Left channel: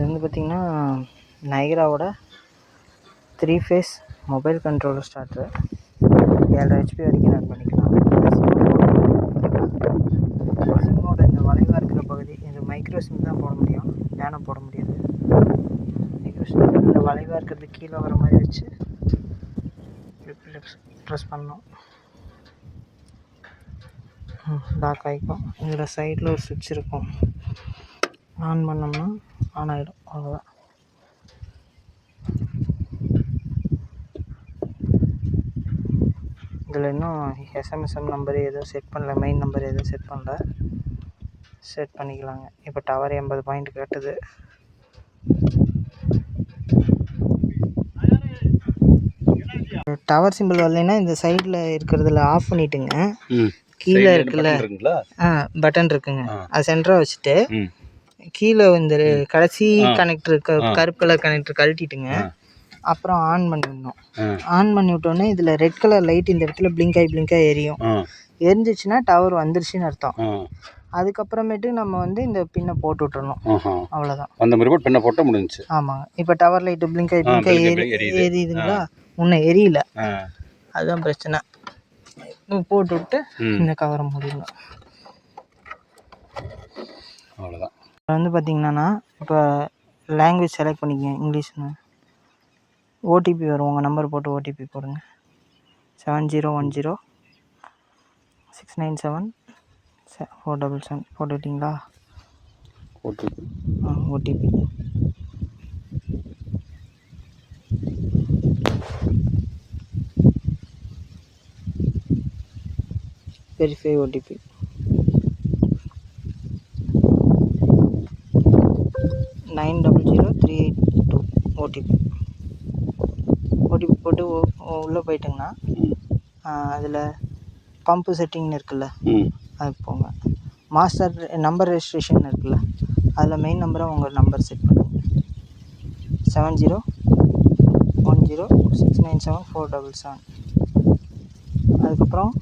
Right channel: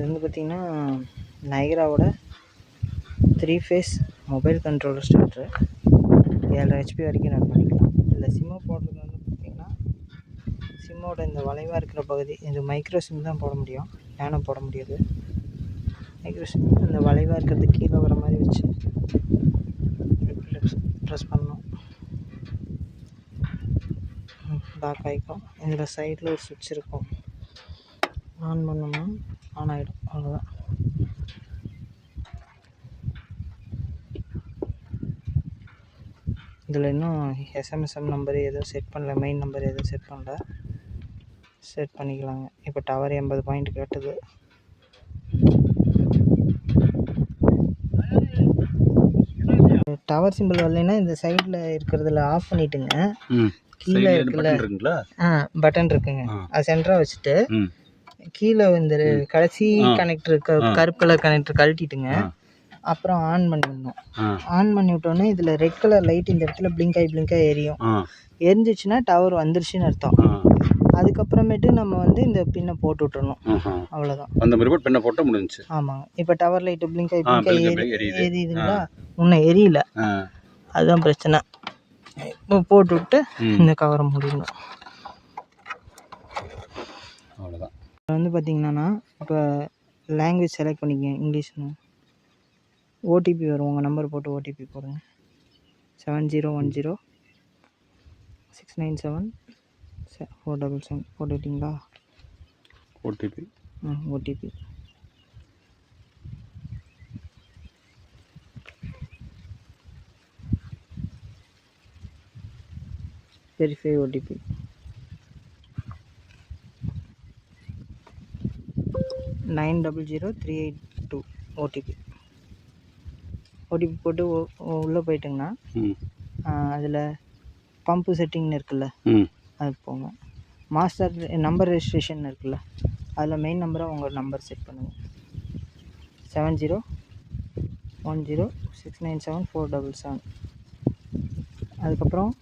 இது வந்து பார்த்திங்கன்னா நைகராவோட 3 phase mobile controller starter. 7 HP வரைக்கும் ரன் பண்ணிக்கலாம். சிம்மோட இந்த வளைவாக இருக்கிற பகுதி இது மைக்ரோ சிம் தான் போட முடியும், நேனோ போட முடியாது. மைக்ரோ சிம் இந்த வளைவாக இருக்கிறது கீழே வர மாதிரி வச்சு ப்ரெஸ் பண்ணோம், லாக் ஆகிக்கும். இதில் சைடில் ஒரு சுவிட்ச் இருக்கும், ஆன் பண்ணோம்னா ஆன் ஆகிடும், அவ்வளோதான். இதில் இன்னும் எஸ்எம்எஸ்எம் நம்பர் எதுவும் செட் பண்ணல, மெயின் நம்பர் எதுவும் செட் பண்ணல, செட் பண்ணிக்கலாங்க. இப்போ டவர் 80 பாயிண்ட் கட்டுது. டவர் சிம்பிள் வரலைன்னா இந்த சைடில் இருக்கிறதுல ஆஃப் பண்ணிவிட்டுங்க. கீழே இருக்குல்ல பட்டன் இருக்குங்க, அது சென்டராக வச்சுட்டு கீழே இந்த கடைசி கனெக்டர் கருப்பு கலர் கனெக்டர் கழட்டிட்டுங்க. அப்புறம் ஆன் பண்ணிடணும். ஆன் பண்ணி விட்டோன்னே இதில் ரெட் கலர் லைட் இந்த இடத்துல பிளிங்காகி எரியும். எரிஞ்சிச்சுன்னா டவர் வந்துருச்சுன்னு அர்த்தம். அதுக்கப்புறமேட்டு நம்ம வந்து இந்த பின்னை போட்டு விட்டுறணும், அவ்வளோதான். அந்த மாதிரி போட்டு பின்னை போட்டால் முடிஞ்சிச்சு. ஆமாங்க. இப்போ டவர் லைட்டு பிளிங்காகி எரியுதுங்களா, இன்னும் எரியல, அதுதான் பிரச்சனை. இப்போ போட்டு விட்டு இந்த கவரை முடியணும், அவ்வளோதான். இப்போ வந்து பார்த்திங்கன்னா இப்போ லாங்குவேஜ் செலக்ட் பண்ணிக்கங்க, இங்கிலீஷ்னு. ஓடிபி வரும், உங்கள் நம்பர் போட்டு ஓடிபி போடுங்க. 7010 697 477 போட்டுக்கிட்டிங்களா? OTP verify OTP. Nine 900-382 OTP போட்டு உள்ளே போயிட்டுங்கன்னா அதில் பம்பு செட்டிங்னு இருக்குல்ல, அதுக்கு போங்க. மாஸ்டர் நம்பர் ரெஜிஸ்ட்ரேஷன் இருக்குல்ல, அதில் மெயின் நம்பராக உங்கள் நம்பர் செட் பண்ணுங்கள். 7010 697 477. அதுக்கப்புறம்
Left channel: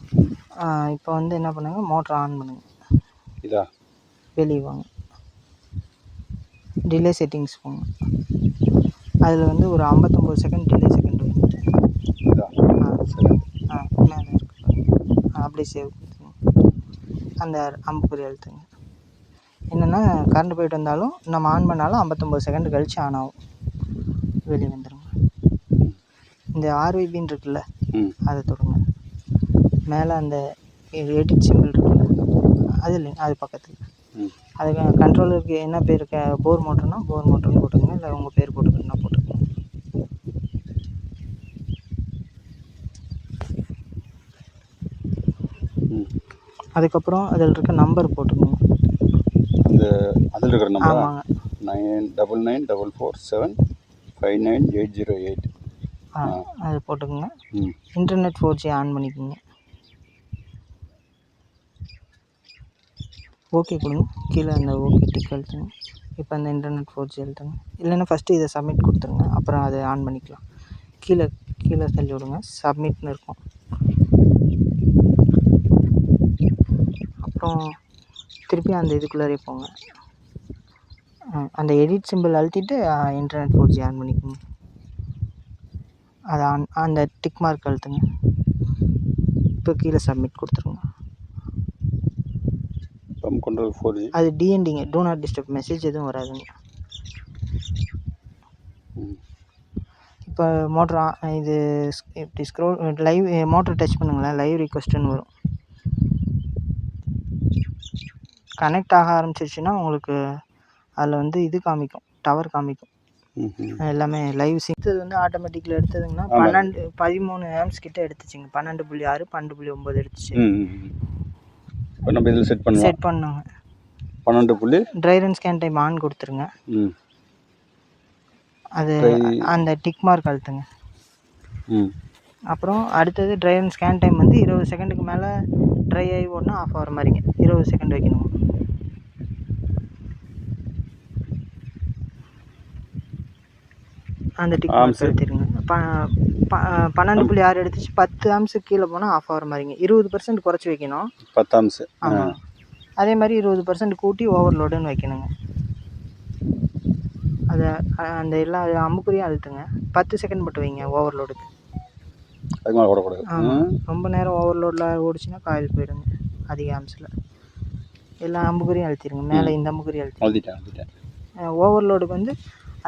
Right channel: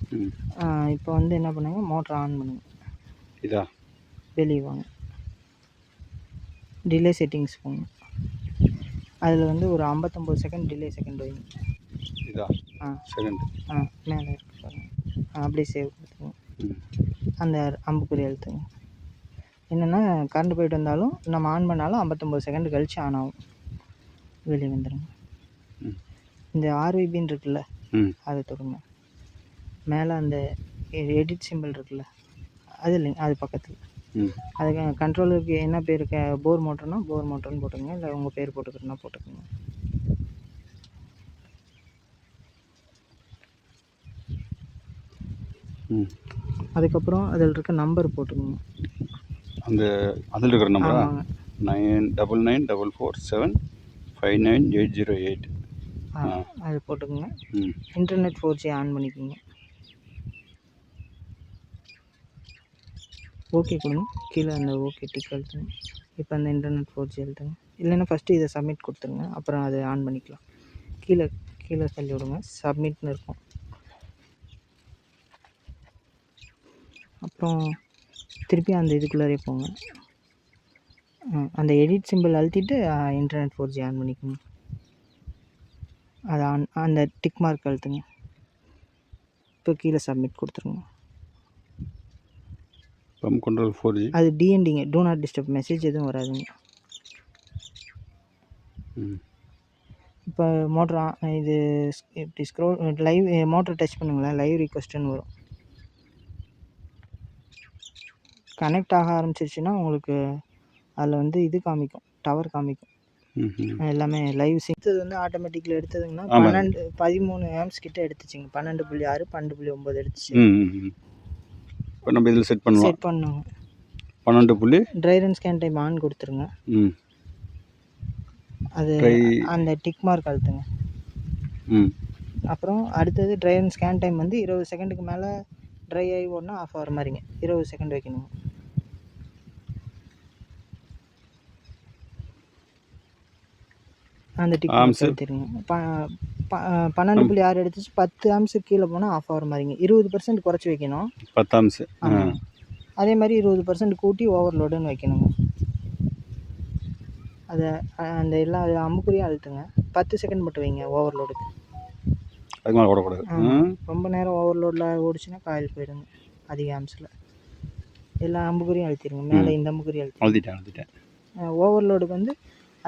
இப்போ வந்து என்ன பண்ணுங்கள், மோட்டர் ஆன் பண்ணுங்கள். வெளியே வாங்க, டிலே செட்டிங்ஸ் போங்க. அதில் வந்து ஒரு 59 செகண்ட் டிலே செகண்ட் வைங்க. மேலே இருக்கு, அப்படியே சேவ் கொடுத்துங்க. அந்த அம்புக்குறி அழுத்துங்க. என்னென்னா கரண்ட் போயிட்டு வந்தாலும் நம்ம ஆன் பண்ணாலும் 59 செகண்ட் கழித்து ஆன் ஆகும். வெளியே வந்துடுங்க. இந்த ஆர்விபின்னு இருக்குல்ல, அதை தொடுங்க. மேலே அந்த எடிட் சிம்பிள் இருக்குல்ல, அது இல்லைங்க, அது பக்கத்தில். அதுக்கு கண்ட்ரோலருக்கு என்ன பேர் போர் மோட்டர்னா போர் மோட்டர்னு போட்டுக்கோங்க, இல்லை உங்கள் பேர் போட்டுக்கிறதுனா போட்டுக்கோங்க. அதுக்கப்புறம் அதில் இருக்க நம்பர் போட்டுக்கோங்க. அந்த அதில் இருக்கிற நம்பர், ஆமாங்க, 9944475988. அது போட்டுக்கோங்க. இன்டர்நெட் 4G ஆன் பண்ணிக்கோங்க. ஓகே கொடுங்க, கீழே அந்த ஓகே டிக் அழுத்துங்க. இப்போ அந்த இன்டர்நெட் 4G அழுத்துங்க. இல்லைன்னா ஃபஸ்ட்டு இதை சப்மிட் கொடுத்துருங்க, அப்புறம் அதை ஆன் பண்ணிக்கலாம். கீழே தள்ளி விடுங்க, சப்மிட்னு இருக்கும். அப்புறம் திருப்பி அந்த இதுக்குள்ளாரே போங்க. அந்த எடிட் சிம்பிள் அழுத்திட்டு இன்டர்நெட் 4G ஆன் பண்ணிக்கோங்க. அதை அந்த டிக் மார்க் அழுத்துங்க. இப்போ கீழே சப்மிட் கொடுத்துருங்க. பம்ப் கண்ட்ரோல் 4G அது டிஎன்டிங்க, டூ நாட் டிஸ்டர்ப், மெசேஜ் எதுவும் வராதுங்க. இப்போ மோட்ரு இது இப்படி ஸ்க்ரோல் லைவ் மோட்டர் டச் பண்ணுங்களேன், லைவ் ரிக்வெஸ்ட்டுன்னு வரும். கனெக்ட் ஆக ஆரம்பிச்சிருச்சுன்னா உங்களுக்கு அதில் வந்து இது காமிக்கும், டவர் காமிக்கும். எல்லாமே லைவ் சிங்க். இது வந்து ஆட்டோமேட்டிக்கில் எடுத்ததுங்கன்னா 13 ஆம்ஸ் கிட்ட எடுத்துச்சுங்க. 12.6 12.9 எடுத்துச்சு. நம்ம இதில் செட் பண்ணுங்க. 12 try run scan time on கொடுத்துருங்க. அது அந்த டிக் மார்க் அழுத்துங்க. அப்புறம் அடுத்தது ட்ரை ரன் ஸ்கேன் டைம் வந்து 20 செகண்டுக்கு மேலே ட்ரை ஆகி ஓடனா ஆஃப் ஆகிற மாதிரிங்க, 20 செகண்ட் வைக்கணும். அந்த டிக் மார்க் அழுத்திடுங்க. 12.6 எடுத்துச்சு, 10 ஆம்ஸுக்கு கீழே போனால் ஆஃப் ஆகிற மாதிரிங்க. 20% குறைச்சி வைக்கணும். 10 ஆம்ஸ். ஆமாம், அதே மாதிரி 20% கூட்டி ஓவர்லோடுன்னு வைக்கணுங்க. அது அதை அந்த எல்லா அம்புக்குறியும் அழுத்துங்க. 10 செகண்ட் மட்டும் வைங்க ஓவர்லோடுக்கு. அதுக்கு மேலே ஓடக்கூடாது. ஆமாம், ரொம்ப நேரம் ஓவர்லோடில் ஓடிச்சுன்னா காயில் போயிடுங்க அதிக ஆம்ஸில். எல்லா அம்புக்குறியும் அழுத்திடுங்க. மேலே இந்த அம்புக்குறி அழுத்திட்டேன். ஓவர்லோடுக்கு வந்து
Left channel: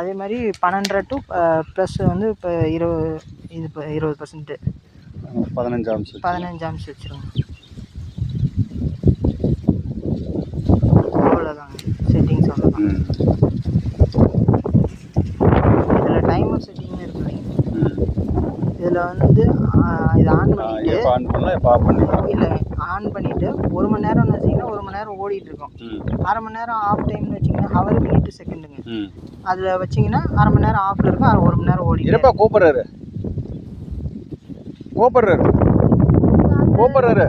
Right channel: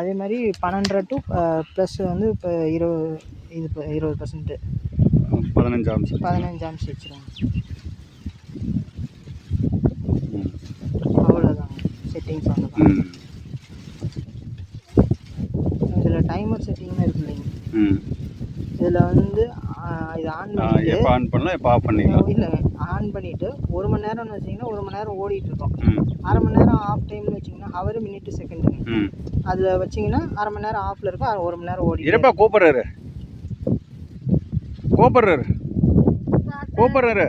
அதே மாதிரி 12 டு ப்ளஸ் வந்து இப்போ 20% 15 ஆம்ஸ் வச்சுருங்க. அவ்வளோதாங்க, செட்டிங்ஸ் அவ்வளோதான். இதில் டைமர் செட்டிங்னு இருக்கு இல்லைங்க, இதில் வந்து இது ஆன் பண்ணிவிட்டு இல்லை ஆன் பண்ணிவிட்டு 1 மணி நேரம்னு வச்சிங்கன்னா 1 மணி நேரம் ஓடிட்டுருக்கோம். அரை மணி நேரம் ஆஃப் டைம்னு வச்சிங்கன்னா ஹவர் மினிட்டு செகண்டுங்க. அதில் வச்சிங்கன்னா அரை மணி நேரம் ஆஃபில் இருக்கும், 1 மணி நேரம் ஓடிட்டு. கூப்பிட்றாரு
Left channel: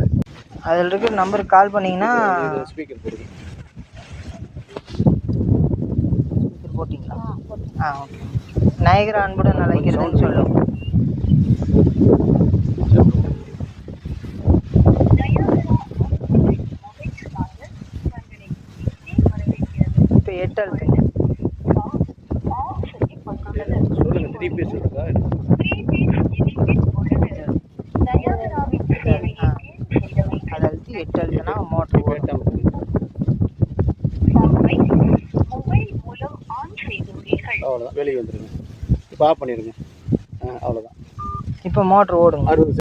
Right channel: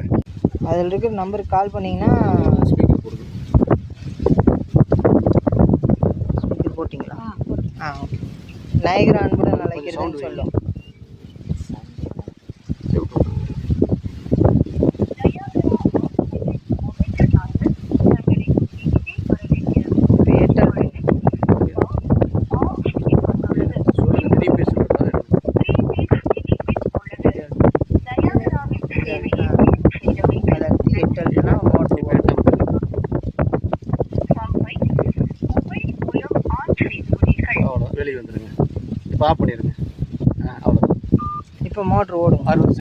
அதில் இருக்கிற நம்பருக்கு கால் பண்ணிங்கன்னா. ஸ்பீக்கர் போட்டிங்களா? ஓகே. நயகரா அன்புடன் அழைக்கிறதுன்னு சொல்லும். இப்போ 8 அழுத்தினா மோட்டர் ஓடும். அவ்வளோதான், வெளியே வந்துடுங்க. இப்போ ஆஃப் பண்ணிடுங்க. அவ்வளோதான், இப்போ மோட்ரு ஓடுங்க. 60